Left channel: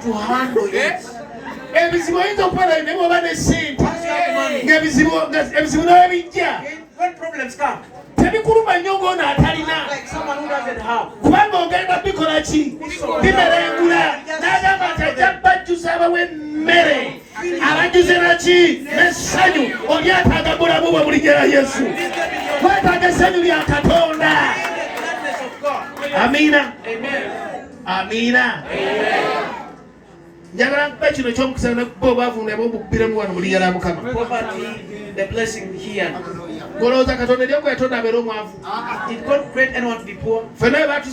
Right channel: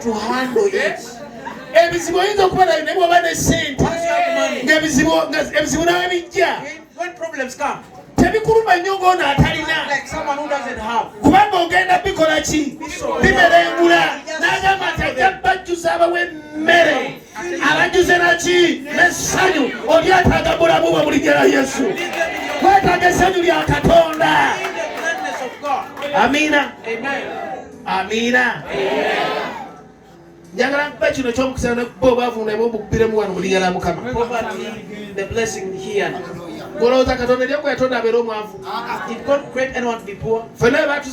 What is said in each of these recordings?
to handle it. When problems come, like someone who doesn't have. Amina. Amen. Amina. Poverty, the blessing here. Did God create anyone to be poor? Let me ask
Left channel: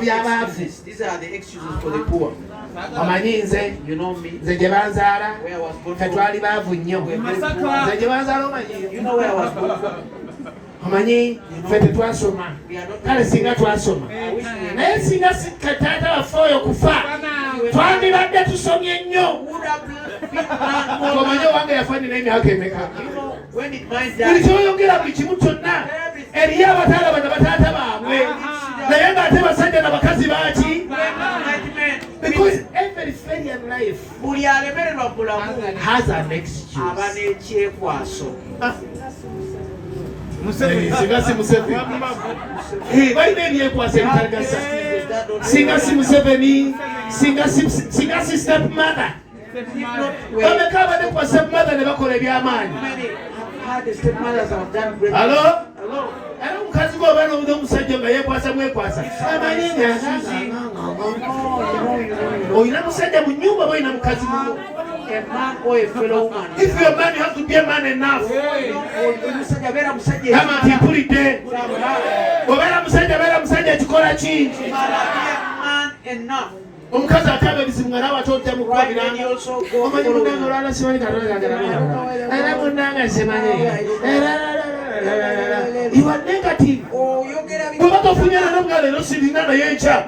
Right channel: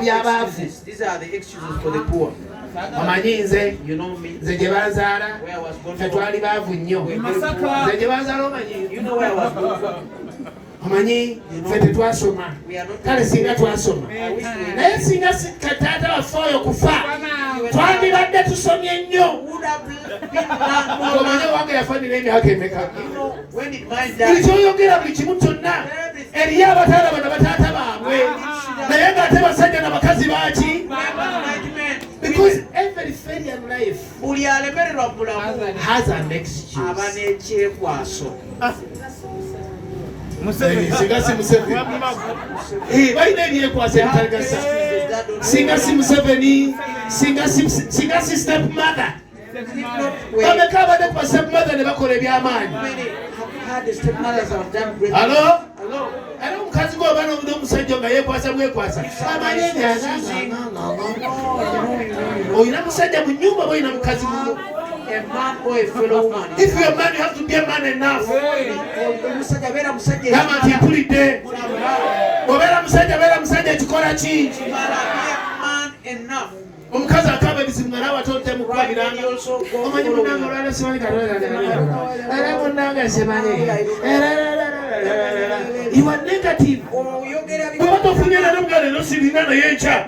you this. These are the excuses for the poor. You know me. Where I was born from. You know where I was born from. Amanyi fete twasoma kale singa twasoma naye singa katata wafoyo kufa twandibadde tusomye nnyo omanyi wange yafanira emyaka emeka buli kyoyogera buli kimu kyonna eriyo abataala bano bataata baabwe naye ng'ate basajja n'abakazi baki because every failure in life buli alemererwa mulamu has an excuse aba n'ekyekwaso. Singa si Museveni. Balina ebyekwasa ebitalagasa. Singa si Museveni, singa si stepmother. Bameka abadde kwa stepmother ne bakola ebyamaanyi. Hello? Era omukazi gwoba n'omusajja nga yeekwasa bwekwasa. Oyina musajja mu nnyumba oyina mukazi mu. A man or a fellow woman. If you're a man, you have to be a man enough. Come on, people it there. Man enough. Omukazi akaba ebizibu nawe atote mu kwabiranga. Omanyi munange olwana simanyi katonda. Era munange simanyi. You are negative. Kuba tofunye na n'omugalo n'osibina naye encha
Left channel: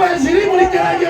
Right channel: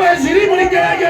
weziri muli gerayo.